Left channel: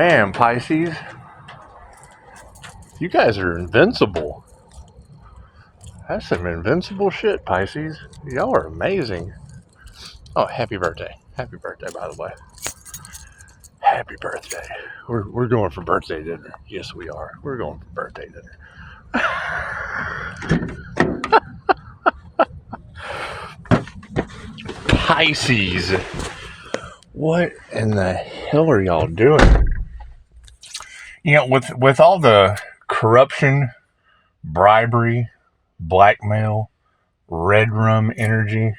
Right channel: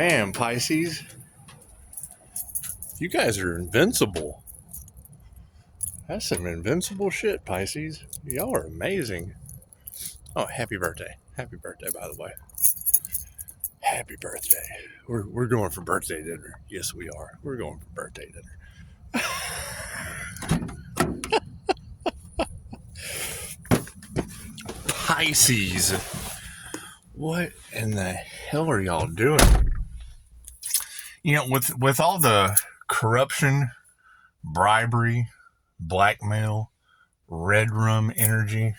man, Pisces. You guys are invincible. That's some invincible shit, Pisces. Y'all are amazing. Oh, happy birthday. Happy birthday, by the way. Happy birthday. We're going for birthday dinner. Yes, we are. We're going for birthday dinner. Pisces. What in the hell are y'all doing? You know, with all the corruption, bribery, blackmail, red rum energy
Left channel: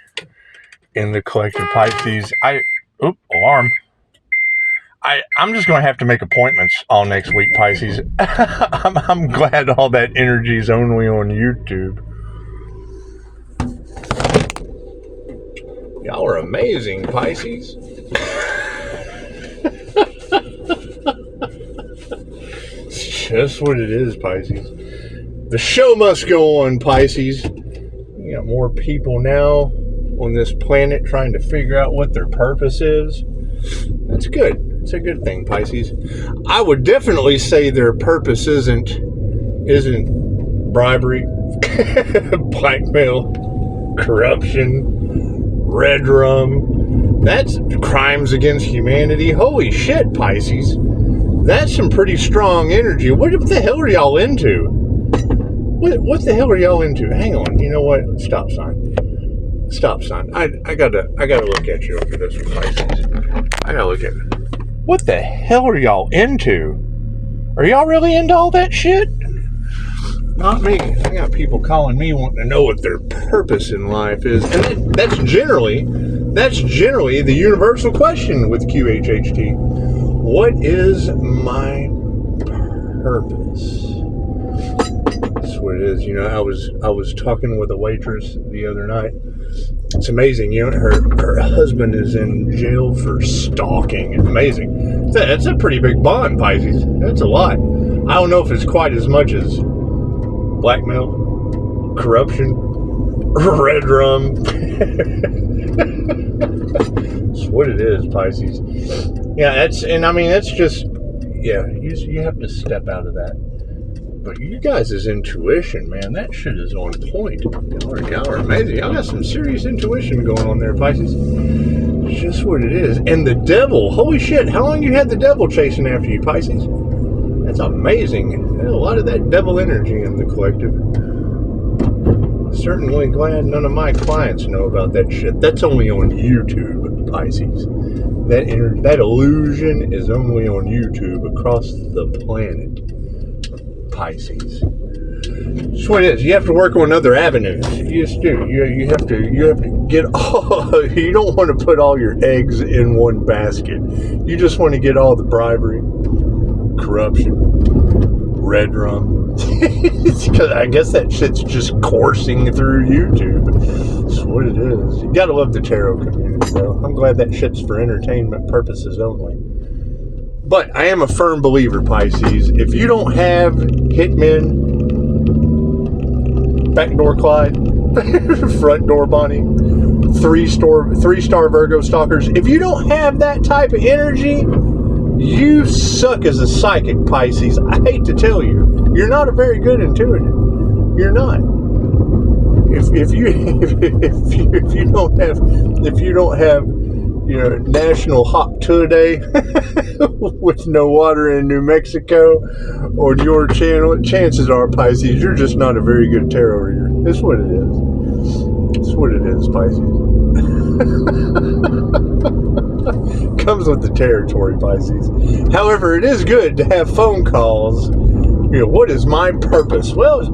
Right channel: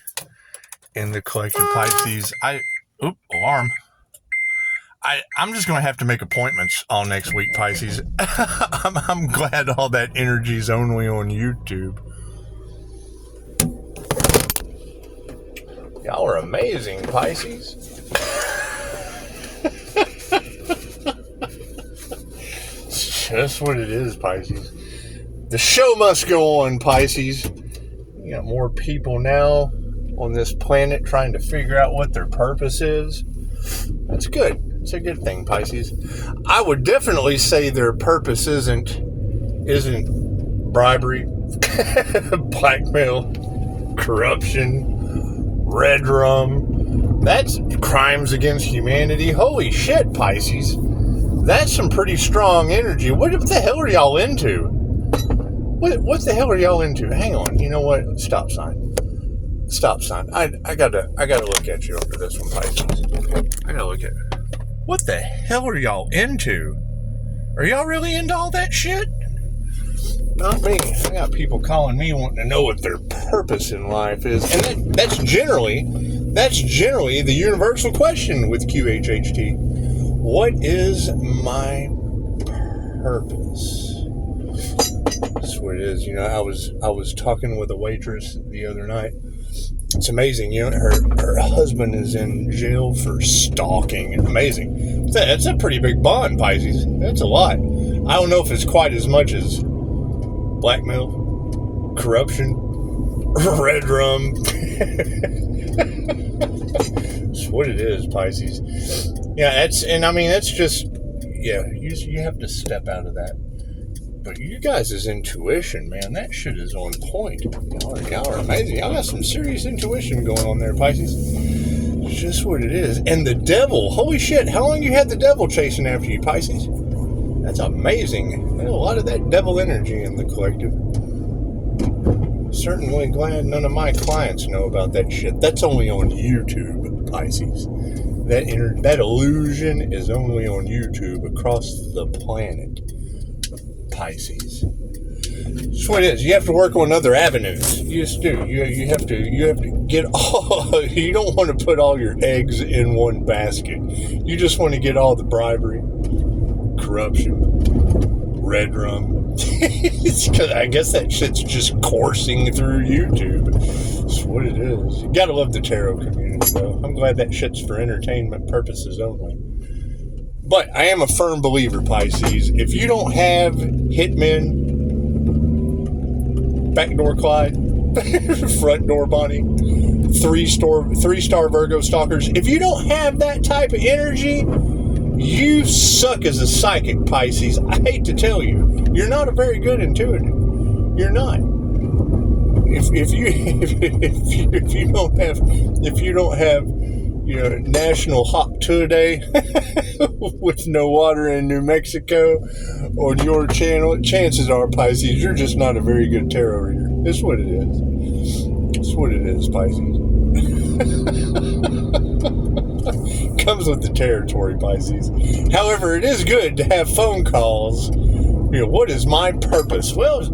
in the collective Pisces, alarm. I'm just going to have to make appointments all next week, Pisces. I'm glad all that energy is only on YouTube. Y'all are amazing, Pisces. It's just what it is, Pisces. The show must go on, Pisces. You got more people now on this planet trying to figure out what their purpose is. That's good. It's a good thing, Pisces. I would definitely say their purpose isn't bribery, blackmail, corruption, red rum. That's crimes against humanity. Holy shit, Pisces. That's some pretty strong energy. What the hell are y'all into? What the hell are y'all into? Hang on. You know what? Stop sign. Stop sign. I gotta look at you over this one, Pisces. I gotta look at it. What the hell are y'all into? Are y'all really into all that shit? Not me. I got people calling me wanting to know what their purpose in life is. And that's generally the universal question with QHHT. What is my purpose? That's what it is. You know, I was talking with a waitress the other night. It's amazing, you know, her husband is in jail for stalking. Amazing. That's a pretty big bond, Pisces. That's a lot. I don't know if it's quite as much as blackmail, corruption, red rum. It's what it is, Pisces. Yeah, that's just, yeah, you have to step out of that. But you guys' intuition, man, that shit is on point. Y'all are amazing. Y'all got some serious intuition going on there, Pisces. It's just what it is. And the devil, holy shit, how long you had the devil chasing after you, Pisces? That's amazing. There's a lot of that devil energy in the collective. Certainly glad none of my clients know about that shit. That's only on YouTube, Pisces. That illusion is only on YouTube across the planet. Pisces. That's what it is. You have to work on other avenues. You just do. You have to get all. You don't want to put all your eggs in one basket. You just want to get all the bribery, corruption, red rum. Because I guess that shit's just coursing through YouTube. That's what it is. You gotta love the tarot community, though. I'm glad that shit's for entertainment purposes only. But I am a firm believer, Pisces. If you don't have hitmen, backdoor Clyde, front door Bonnie, three-star Virgo stalkers, if you don't have that type of energy, you suck as a psychic, Pisces. I hate to tell you, you're not a very good intuitive. You're not. If you don't have you know, National Hot Today with no water in New Mexico on your channel, chances are, Pisces, you're just not a very good tarot reader. That's what it is. That's what it is, Pisces. Comes with the territory, Pisces. However, it is good to have phone calls. You know, what is my purpose? Well,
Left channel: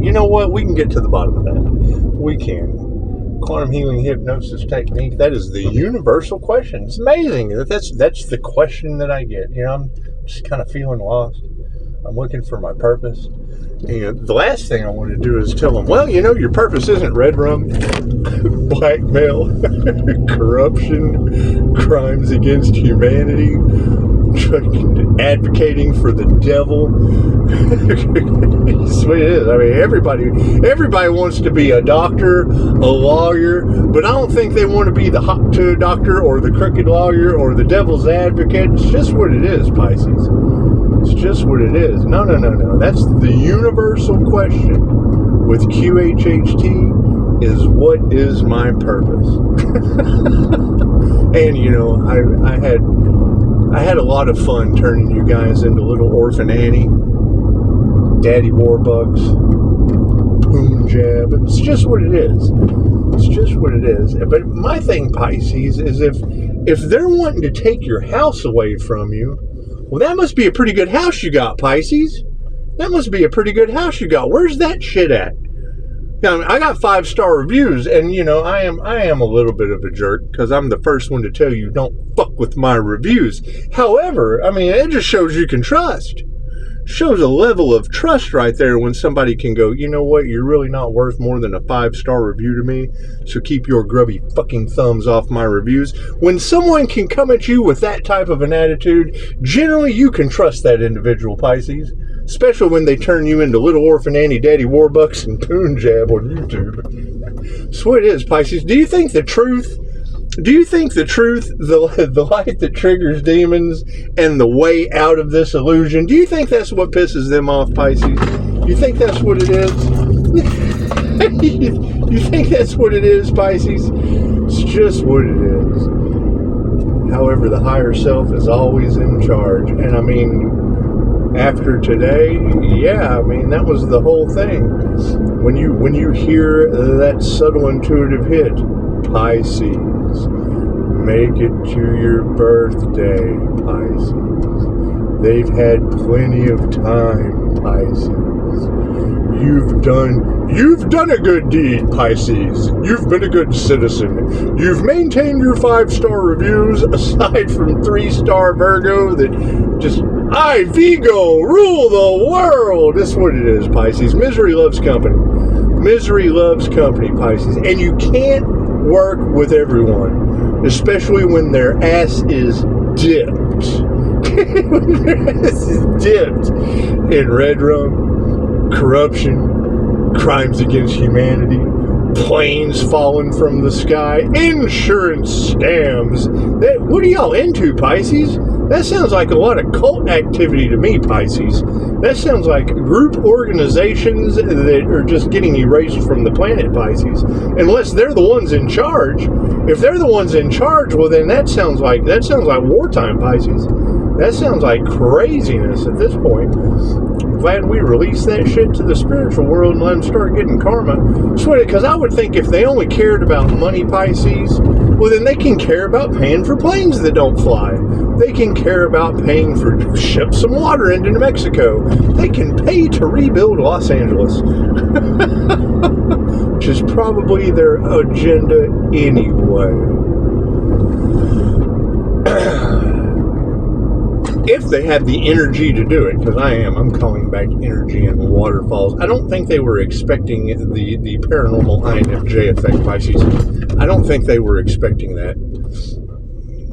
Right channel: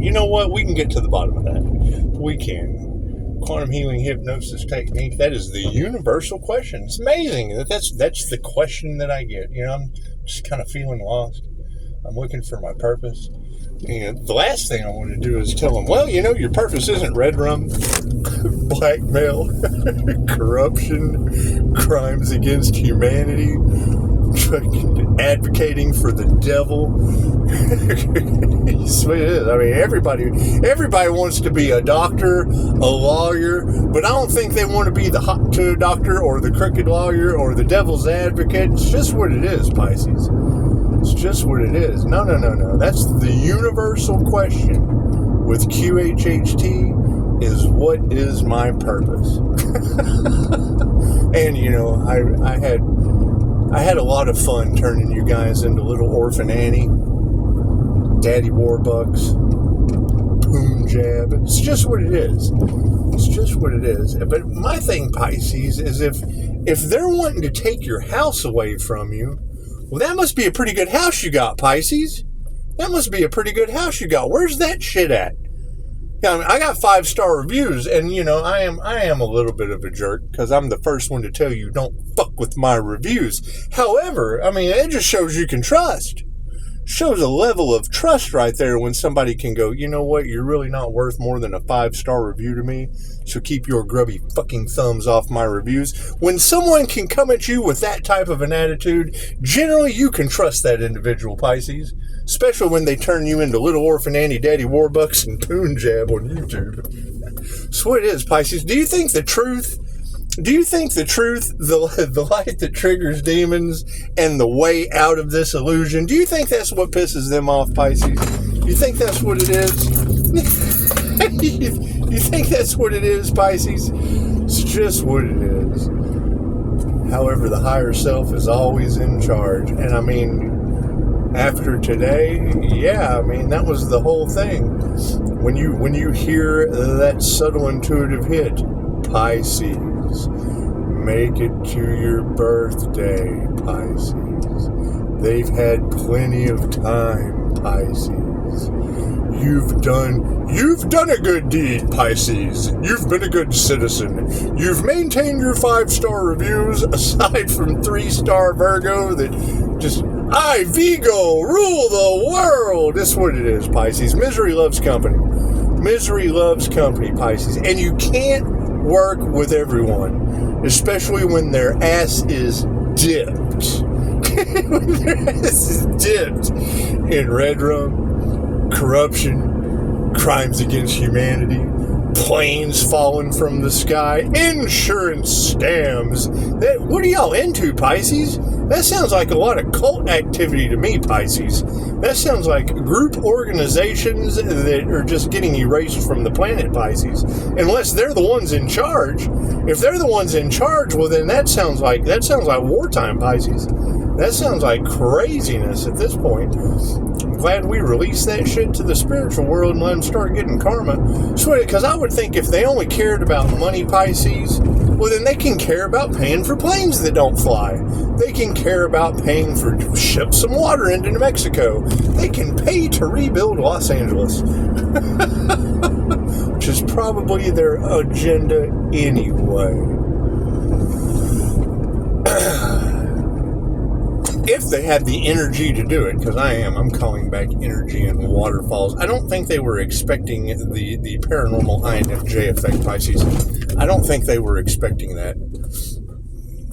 you know what? We can get to the bottom of that. We can. Quantum healing hypnosis technique, that is the universal question. It's amazing that's the question that I get. You know, I'm just kind of feeling lost. I'm looking for my purpose. You know, the last thing I want to do is tell them, well, you know, your purpose isn't red rum, blackmail, corruption, crimes against humanity, advocating for the devil. Sweet it is. I mean, everybody wants to be a doctor, a lawyer, but I don't think they want to be the hot tub doctor or the crooked lawyer or the devil's advocate. It's just what it is, Pisces. It's just what it is. No. That's the universal question with QHHT is, what is my purpose? And, you know, I had a lot of fun turning you guys into little Orphan Annie, Daddy Warbucks, Punjab. It's just what it is. It's just what it is. But my thing, Pisces, is if they're wanting to take your house away from you, well, that must be a pretty good house you got, Pisces. That must be a pretty good house you got. Where's that shit at? I mean, I got 5-star reviews, and, you know, I am a little bit of a jerk because I'm the first one to tell you don't fuck with my reviews. However, I mean, it just shows you can trust. Shows a level of trust right there when somebody can go, you know what, you're really not worth more than a 5-star review to me, so keep your grubby fucking thumbs off my reviews. When someone can come at you with that type of an attitude, generally you can trust that individual, Pisces. Especially when they turn you into Little Orphan Annie, Daddy Warbucks, and Punjab on YouTube. So it is, Pisces. Do you think the truth, the light that triggers demons, and the way out of this illusion, do you think that's what pisses them off, Pisces? Do you think that's what it is? You think that's what it is, Pisces? It's just what it is. However, the higher self is always in charge. And I mean, after today, yeah, I mean, that was the whole thing. When you hear that subtle intuitive hit, Pisces, make it to your birthday, Pisces. They've had plenty of time, Pisces. You've done a good deed, Pisces. You've been a good citizen. You've maintained your 5-star reviews, aside from 3-star Virgo that just, I, Vigo, rule the world. That's what it is, Pisces. Misery loves company. Misery loves company, Pisces. And you can't work with everyone, especially when their ass is dipped. When their ass is dipped in red rum, corruption, crimes against humanity, planes falling from the sky, insurance scams. What are y'all into, Pisces? That sounds like a lot of cult activity to me, Pisces. That sounds like group organizations that are just getting erased from the planet, Pisces. Unless they're the ones in charge. If they're the ones in charge, well then that sounds like wartime, Pisces. That sounds like craziness at this point. I'm glad we released that shit to the spiritual world and let them start getting karma. Because I would think if they only cared about money, Pisces, well then they can care about paying for planes that don't fly. They can care about paying for ship some water into New Mexico. They can pay to rebuild Los Angeles. Which is probably their agenda anyway. If they had the energy to do it, because I'm calling back energy and waterfalls. I don't think they were expecting the paranormal INFJ effect, Pisces. I don't think they were expecting that.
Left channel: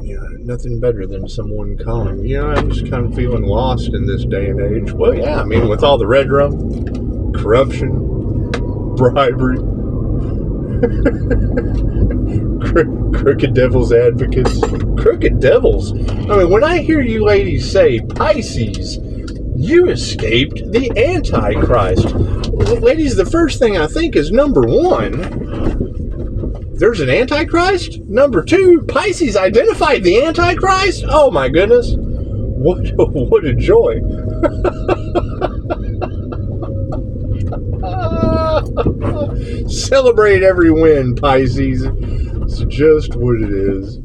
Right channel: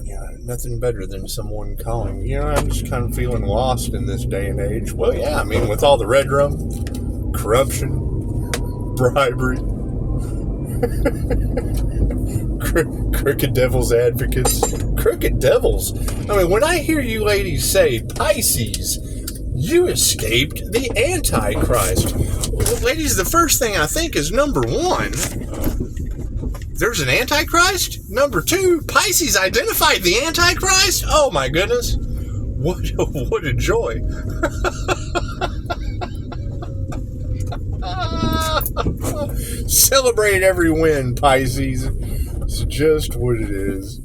Yeah, nothing better than someone calling. You know, I'm just kind of feeling lost in this day and age. Well, yeah, I mean, with all the red rum, corruption, bribery, crooked devil's advocates. Crooked devils. I mean, when I hear you ladies say, Pisces, you escaped the Antichrist. Well, ladies, the first thing I think is, number one, there's an Antichrist? Number two, Pisces identified the Antichrist? Oh my goodness. What a joy. Celebrate every win, Pisces. It's just what it is.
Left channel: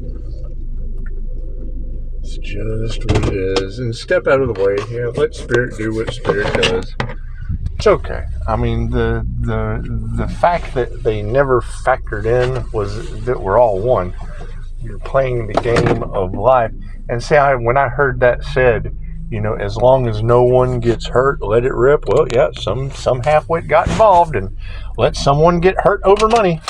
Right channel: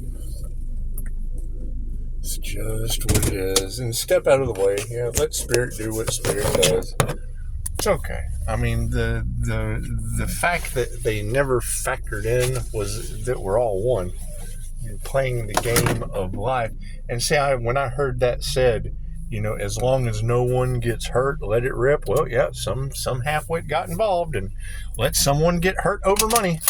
It's just what it is. And step out of the way. Yeah, let Spirit do what Spirit does. It's okay. I mean, the fact that they never factored in was that we're all one. You're playing the game of life. And see, when I heard that said, you know, as long as no one gets hurt, let it rip. Well, yeah, some halfwit got involved and let someone get hurt over money.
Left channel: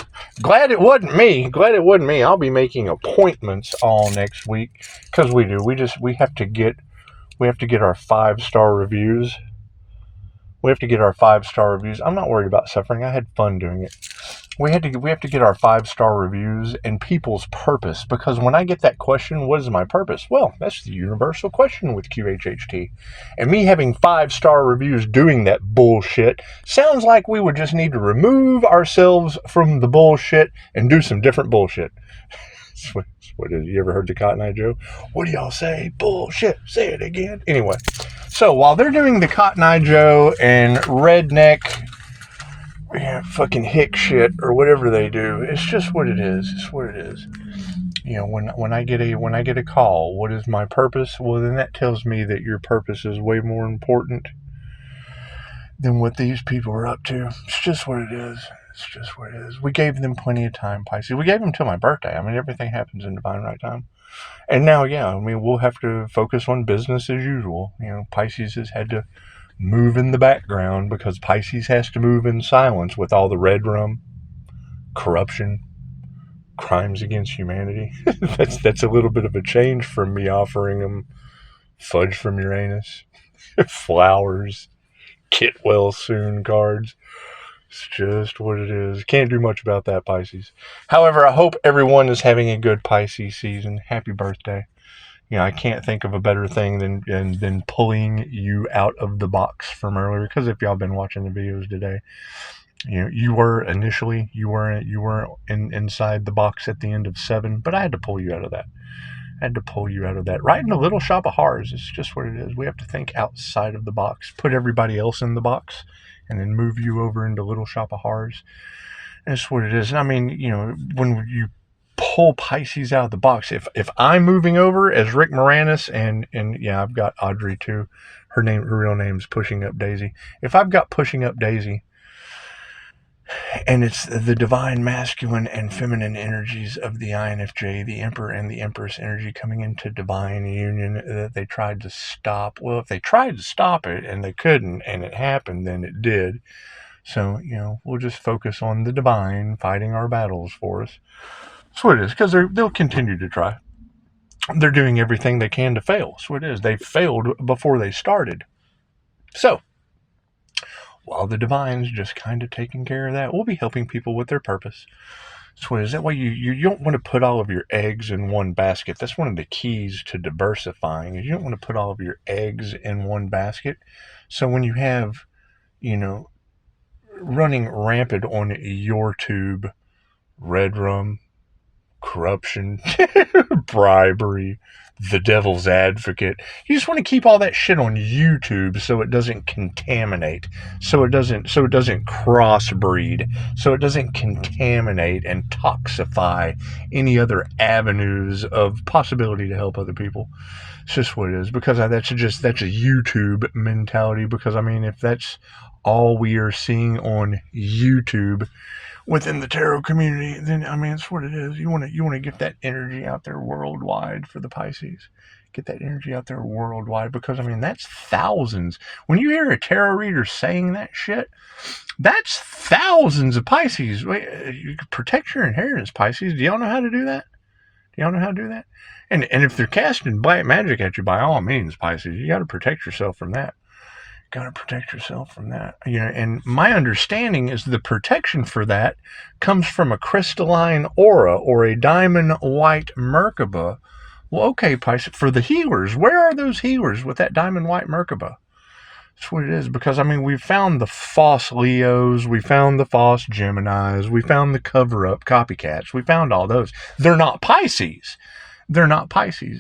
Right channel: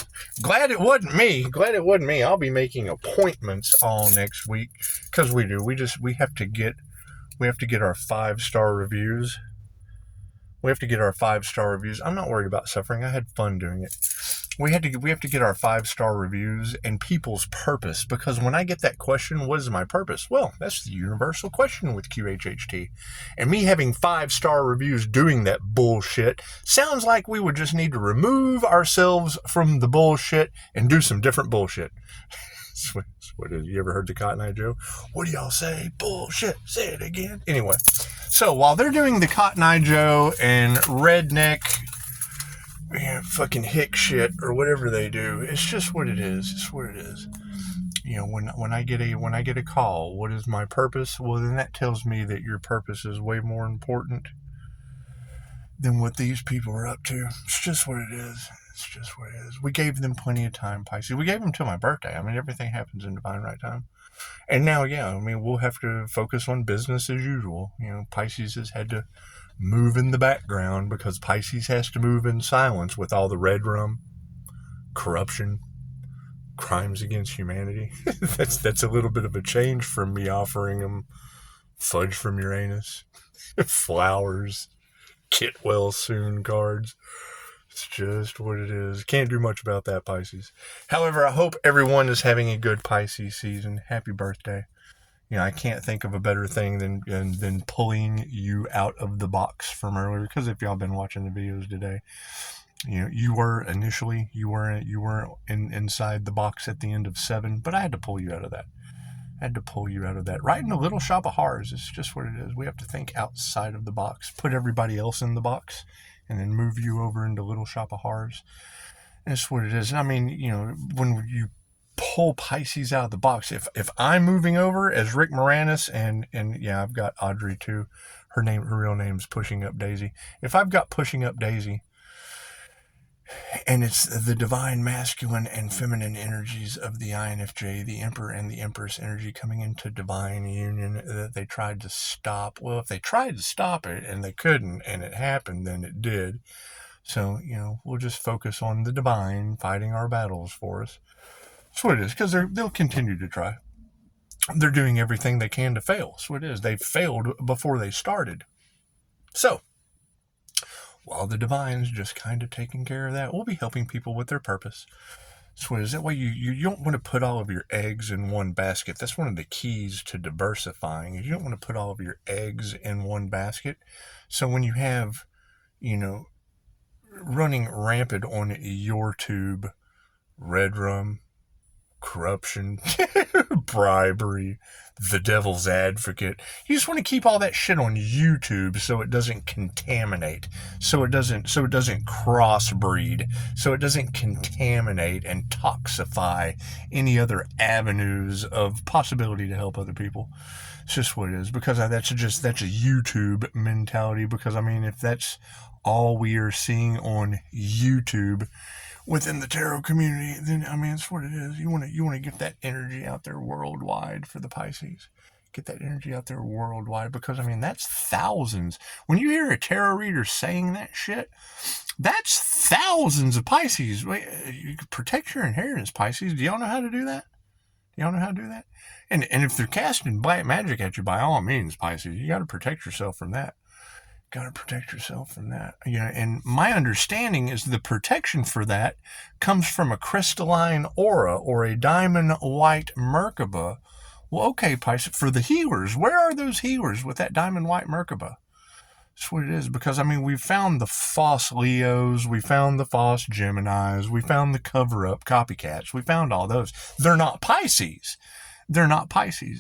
Glad it wasn't me. Glad it wasn't me. I'll be making appointments all next week because we do. We have to get our 5-star reviews. We have to get our 5-star reviews. I'm not worried about suffering. I had fun doing it. We have to get our 5-star reviews and people's purpose, because when I get that question, what is my purpose? Well, that's the universal question with QHHT. And me having 5-star reviews doing that bullshit sounds like we would just need to remove ourselves from the bullshit and do some different bullshit. What did you ever heard the Cotton Eye Joe? What do y'all say? Bullshit. Say it again. Anyway, so while they're doing the Cotton Eye Joe and redneck fucking hick shit or whatever they do, it's just what it is. It's what it is. You know, when I get a call, what is my purpose? Well, then that tells me that your purpose is way more important than what these people are up to. It's just what it is. It's just what it is. We gave them plenty of time, Pisces. We gave them till my birthday. I mean, everything happens in divine right time. And now, yeah, I mean, we'll have to focus on business as usual. You know, Pisces has had to move in the background because Pisces has to move in silence with all the red rum, corruption, crimes against humanity. That's a little bit of a change from me offering them fudge from Uranus, flowers, get well soon cards. It's just what it is. Can't do much about that, Pisces. However, I hope everyone is having a good Pisces season. Happy birthday. You know, I can't think of a better thing than pulling you out of the box from earlier. Because if y'all been watching the videos today, you know, you were inside the box at the end of 7, but I had to pull you out of that. Right in the little shop of horrors. It's just what it is. We have to think outside of the box, put everybody else in the box, and then move you over into little shop of horrors. And that's what it is. And I mean, you know, when you pull Pisces out of the box, if I'm moving over as Rick Moranis, and yeah, I've got Audrey too. Her real name's Pushing Up Daisy. If I've got Pushing Up Daisy, and it's the divine masculine and feminine energies of the INFJ, the Emperor and the Empress energy coming into divine union that they tried to stop. Well, if they tried to stop it and they couldn't, and it happened, then it did. So, you know, we'll just focus on the divine fighting our battles for us. That's what it is, because they'll continue to try. They're doing everything they can to fail. That's what it is. They failed before they started. So, while the divine's just kind of taking care of that, we'll be helping people with their purpose. So is that why you don't want to put all of your eggs in one basket? That's one of the keys to diversifying, is you don't want to put all of your eggs in one basket. So when you have, you know, running rampant on your tube, red rum, corruption, bribery, the devil's advocate, you just want to keep all that shit on YouTube so it doesn't contaminate, so it doesn't crossbreed, so it doesn't contaminate and toxify any other avenues of possibility to help other people. It's just what it is, because that's a YouTube mentality. Because I mean, if that's all we are seeing on YouTube within the tarot community, then I mean, it's what it is. You want to get that energy out there worldwide for the Pisces. Get that energy out there worldwide, because I mean, that's thousands. When you hear a tarot reader saying that shit, that's thousands of Pisces. Wait, you protect your inheritance, Pisces. Do y'all know how to do that? And if they're casting black magic at you, by all means, Pisces, you got to protect yourself from that. You know, and my understanding is the protection for that comes from a crystalline aura or a diamond white Merkaba. Well, okay, Pisces, for the healers, where are those healers with that diamond white Merkaba? That's what it is, because I mean, we found the false Leos, we found the false Geminis, we found the cover-up copycats, we found all those. They're not Pisces.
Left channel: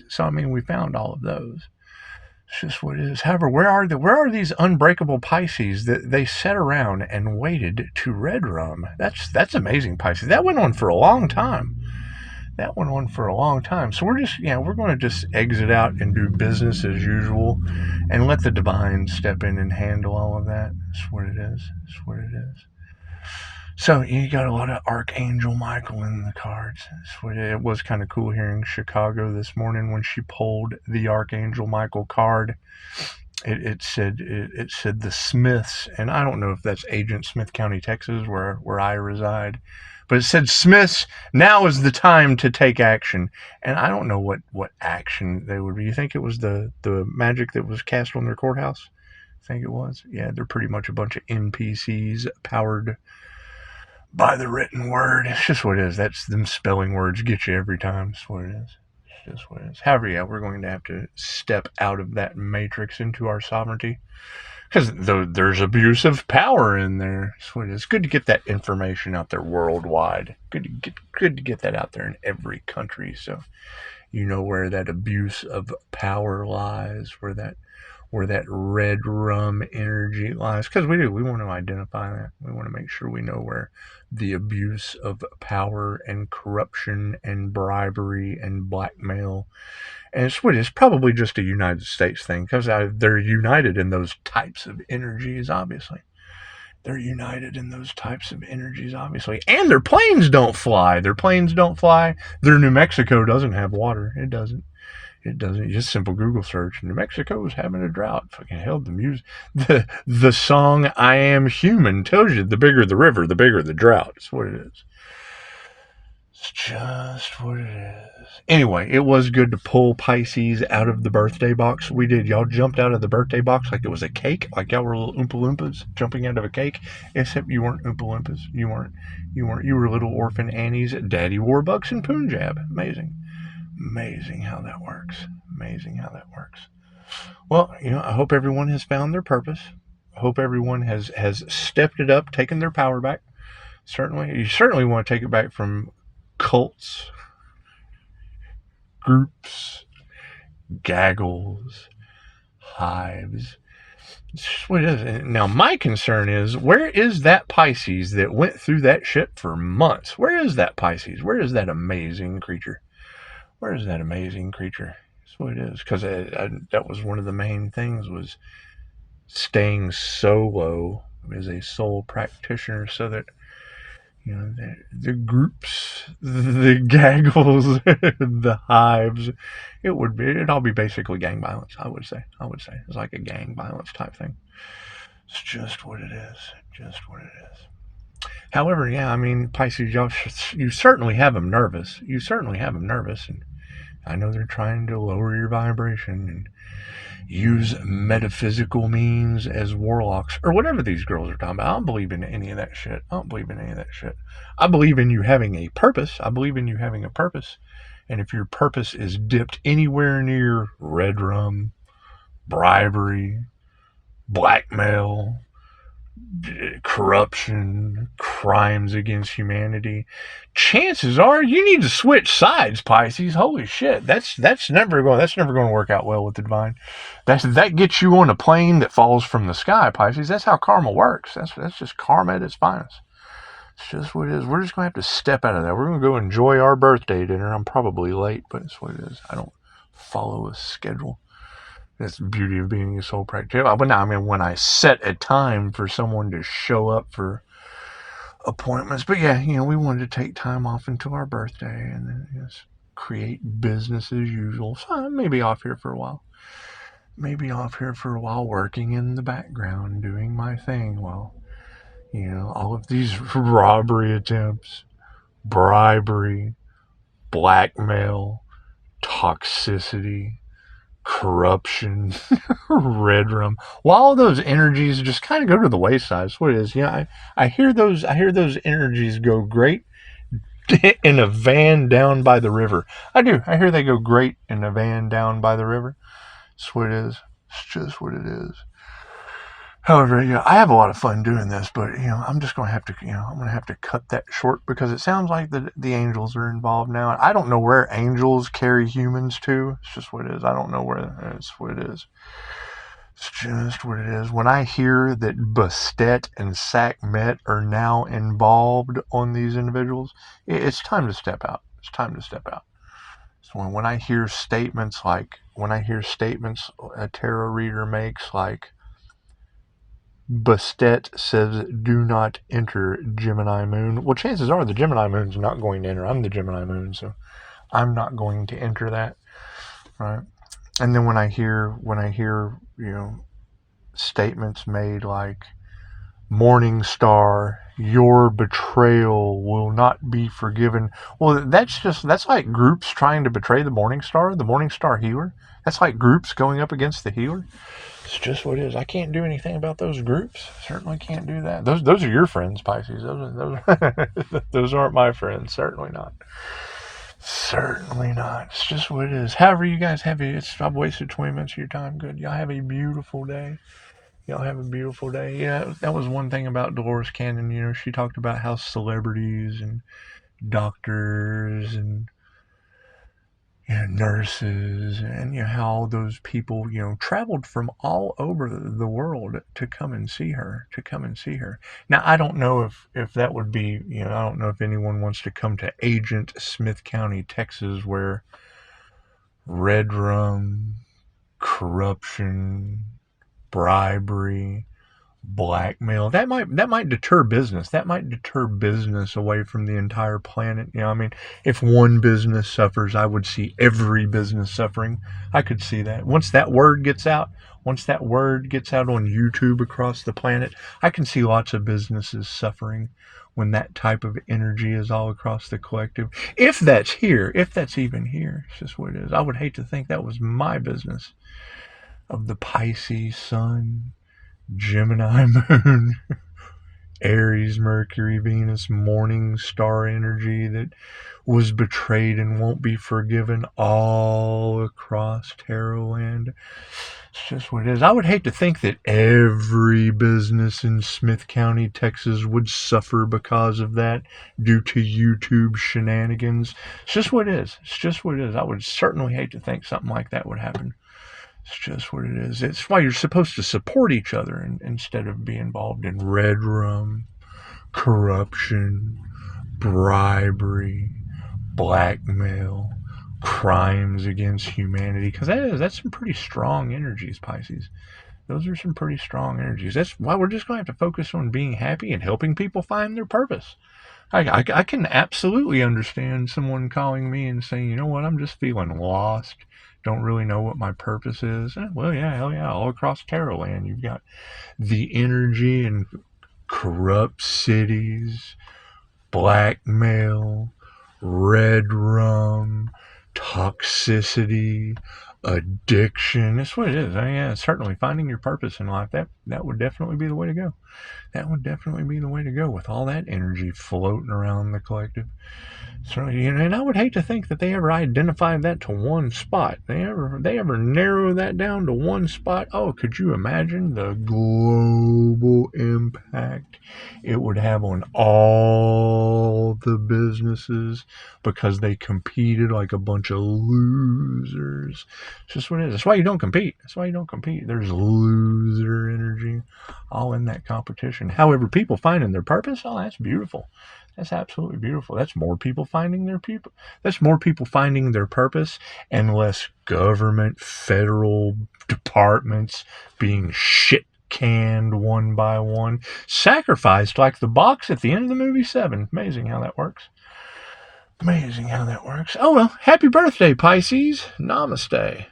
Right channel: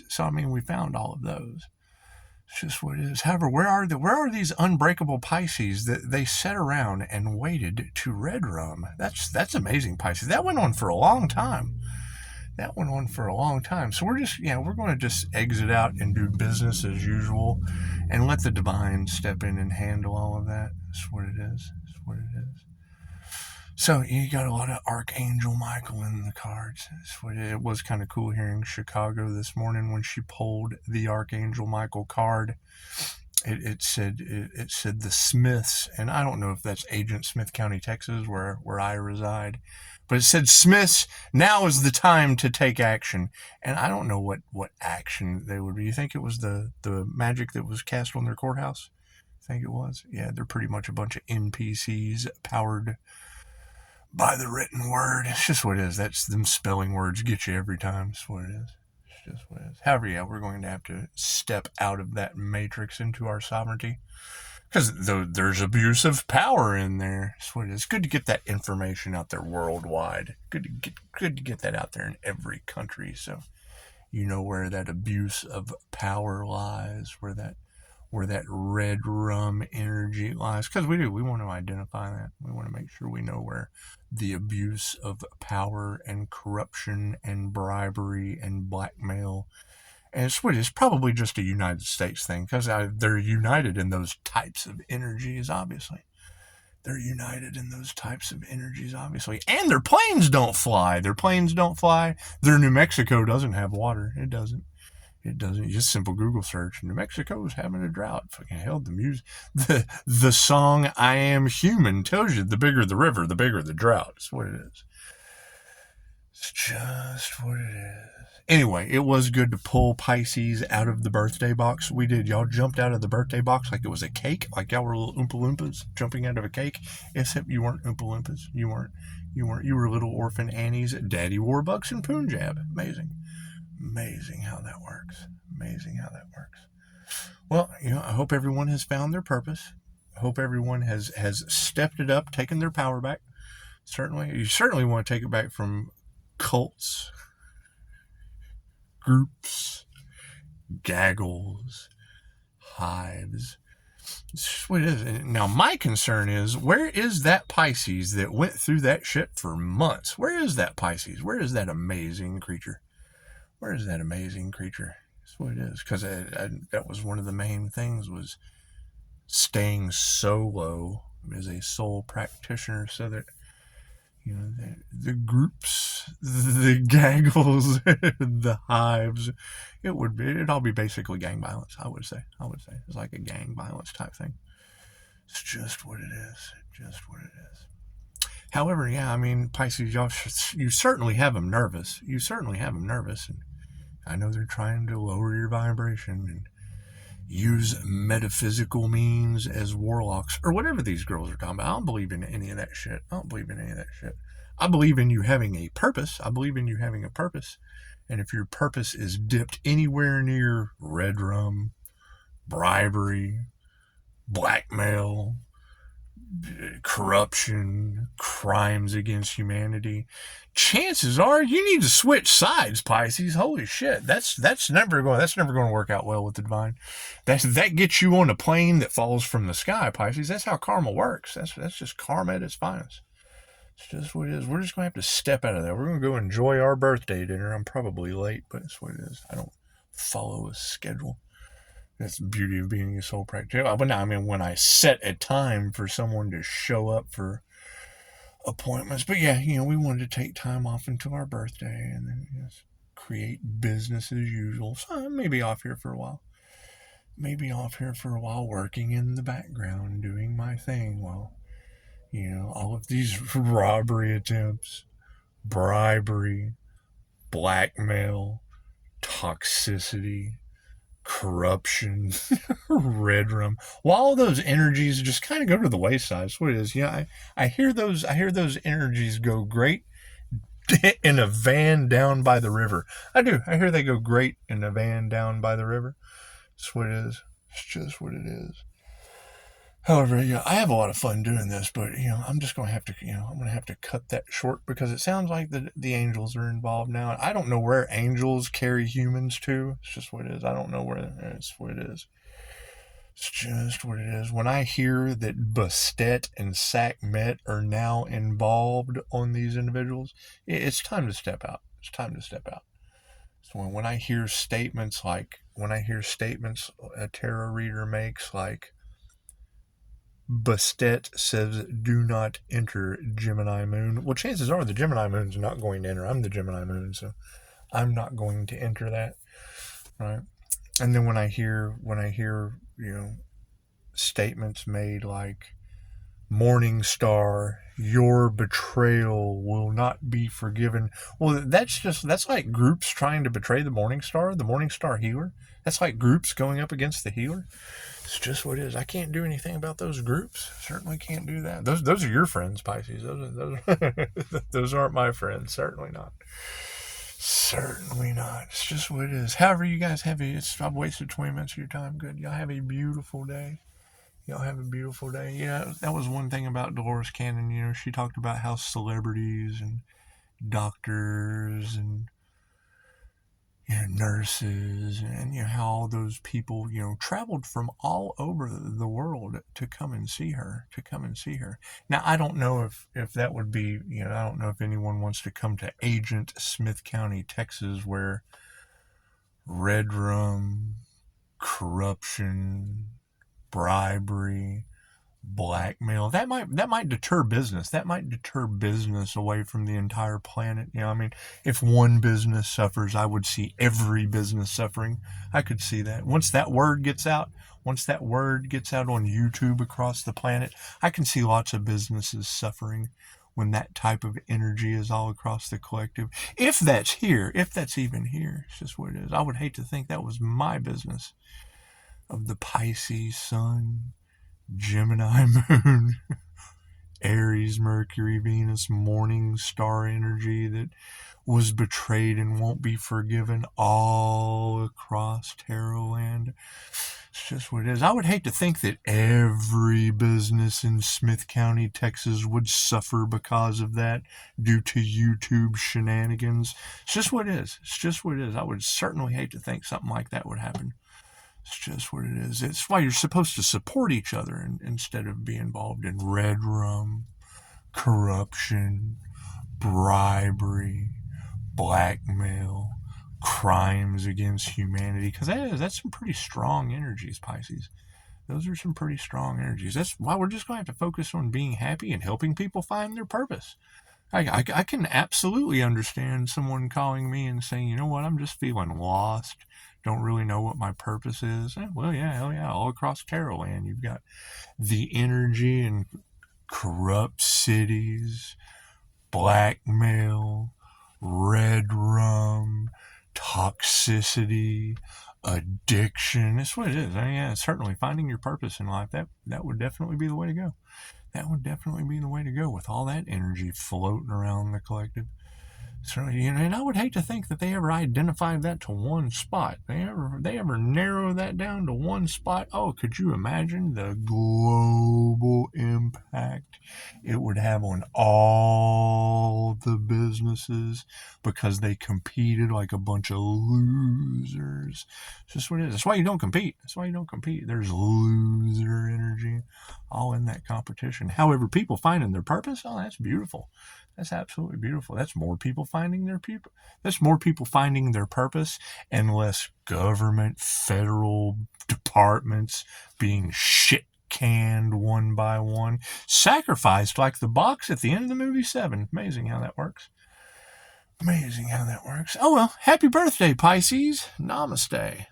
So I mean, we found all of those. It's just what it is. However, where are these unbreakable Pisces that they sat around and waited to red rum? That's amazing, Pisces. That went on for a long time. So we're going to just exit out and do business as usual and let the divine step in and handle all of that. That's what it is. So you got a lot of Archangel Michael in the cards. It was kind of cool hearing Chicago this morning when she pulled the Archangel Michael card. It said the Smiths, and I don't know if that's Agent Smith County, Texas, where I reside, But it said, Smiths, now is the time to take action. And I don't know what action they would be. You think it was the magic that was cast on their courthouse? I think it was. Yeah, they're pretty much a bunch of NPCs powered by the written word. It's just what it is. That's them spelling words get you every time. It's what it is. It's just what it is. However, yeah, we're going to have to step out of that matrix into our sovereignty. Because there's abuse of power in there. It's what it is. It's good to get that information out there worldwide. Good to get that out there in every country, so you know where that abuse of power lies, where that red rum energy lies. Because we want to identify that. We want to make sure we know where the abuse of power and corruption and bribery and blackmail. And it's probably just a United States thing, because they're united in those types of energies, obviously. They're united in those types of energies, obviously. And their planes don't fly. Their New Mexico doesn't have water. It doesn't. Just simple Google search. New Mexico is having a drought. Fucking hell, the music. The song I Am Human tells you the bigger the river, the bigger the drought. It's what it is. It's just what it is. Anyway, it was good to pull Pisces out of the birthday box. We did. Y'all jumped out of the birthday box like it was a cake, like y'all were little Oompa Loompas jumping out of a cake, except you weren't Oompa Loompas. You weren't. You were little orphan Annies. Daddy Warbucks and Punjab. Amazing how that works. Well, I hope everyone has found their purpose. I hope everyone has stepped it up, taken their power back. You certainly want to take it back from cults, groups, gaggles, hives. It's just what it is. Now, my concern is, where is that Pisces that went through that shit for months? Where is that Pisces? Where is that amazing creature? That's what it is. Because that was one of the main things, was staying solo as a sole practitioner, so that the groups, the gaggles, the hives, it'd all be basically gang violence. I would say it's like a gang violence type thing. It's just what it is. However, yeah, I mean, Pisces, you certainly have them nervous. And I know they're trying to lower your vibration and use metaphysical means as warlocks, or whatever these girls are talking about. I don't believe in any of that shit. I believe in you having a purpose. And if your purpose is dipped anywhere near red rum, bribery, blackmail, corruption, crimes against humanity, chances are you need to switch sides, Pisces. Holy shit, that's never going to work out well with the divine. That gets you on a plane that falls from the sky, Pisces. That's how karma works. That's just karma at its finest. It's just what it is. We're just going to have to step out of that. We're going to go enjoy our birthday dinner. I'm probably late, but it's what it is. I don't follow a schedule. That's the beauty of being a soul practitioner. But now, I mean, when I set a time for someone to show up for appointments. But yeah, we wanted to take time off until our birthday, and then just create business as usual. So I may be off here for a while. Working in the background, doing my thing while, all of these robbery attempts, bribery, blackmail, toxicity, corruption, red rum, while all those energies just kind of go to the wayside. That's what it is. I hear those energies go great in a van down by the river. I do. I hear they go great in a van down by the river. That's what it is. It's just what it is. However, I have a lot of fun doing this, but I'm just going to have to, I'm going to have to cut that short, because it sounds like the angels are involved now. I don't know where angels carry humans to. It's just what it is. I don't know where. It's what it is. It's just what it is. When I hear that Bastet and Sakhmet are now involved on these individuals, it's time to step out. So when I hear statements a tarot reader makes, like, Bastet says, do not enter Gemini moon. Well, chances are the Gemini moon's not going to enter. I'm the Gemini moon, so I'm not going to enter that, right? And then when I hear statements made like, Morning star, your betrayal will not be forgiven. Well, that's like groups trying to betray the morning star healer. That's like groups going up against the healer. It's just what it is. I can't do anything about those groups. Certainly can't do that. Those are your friends, Pisces. Those aren't my friends. Certainly not. Certainly not. It's just what it is. However, you guys have I've wasted 20 minutes of your time. Good. Y'all have a beautiful day. Y'all have a beautiful day. Yeah, that was one thing about Dolores Cannon. You know, she talked about how celebrities and doctors and nurses and how all those people traveled from all over the world to come and see her. Now, I don't know if that would be I don't know if anyone wants to come to Agent Smith County, Texas, where red rum, corruption, bribery, blackmail, that might deter business. That might deter business away from the entire planet. I mean, if one business suffers, I would see every business suffering. I could see that. Once that word gets out on YouTube across the planet, I can see lots of businesses suffering when that type of energy is all across the collective. If that's even here, it's just what it is. I would hate to think that was my business of the Pisces sun, Gemini moon, Aries, Mercury, Venus, morning star energy that was betrayed and won't be forgiven all across tarot land. It's just what it is. I would hate to think that every business in Smith County, Texas would suffer because of that due to YouTube shenanigans. It's just what it is. I would certainly hate to think something like that would happen. It's just what it is. It's why you're supposed to support each other instead of be involved in red rum, corruption, bribery, blackmail, crimes against humanity. Because that's some pretty strong energies, Pisces. Those are some pretty strong energies. That's why we're just going to have to focus on being happy and helping people find their purpose. I can absolutely understand someone calling me and saying, you know what, I'm just feeling lost. Don't really know what my purpose is. Well, yeah, hell yeah. All across tarot land, you've got the energy in corrupt cities, blackmail, red rum, toxicity, addiction. That's what it is. Yeah, certainly finding your purpose in life. That would definitely be the way to go. That would definitely be the way to go with all that energy floating around the collective. So, and I would hate to think that they ever identified that to one spot. They ever narrow that down to one spot. Oh, could you imagine the global impact it would have on all the businesses because they competed like a bunch of losers? It's just what it is. That's why you don't compete. There's loser energy all in that competition. However, people finding their purpose, oh, that's beautiful. That's absolutely beautiful. That's more people finding their purpose and less government, federal departments being shit canned one by one, sacrificed like the box at the end of the movie 7. Amazing how that works. Oh well, happy birthday, Pisces. Namaste.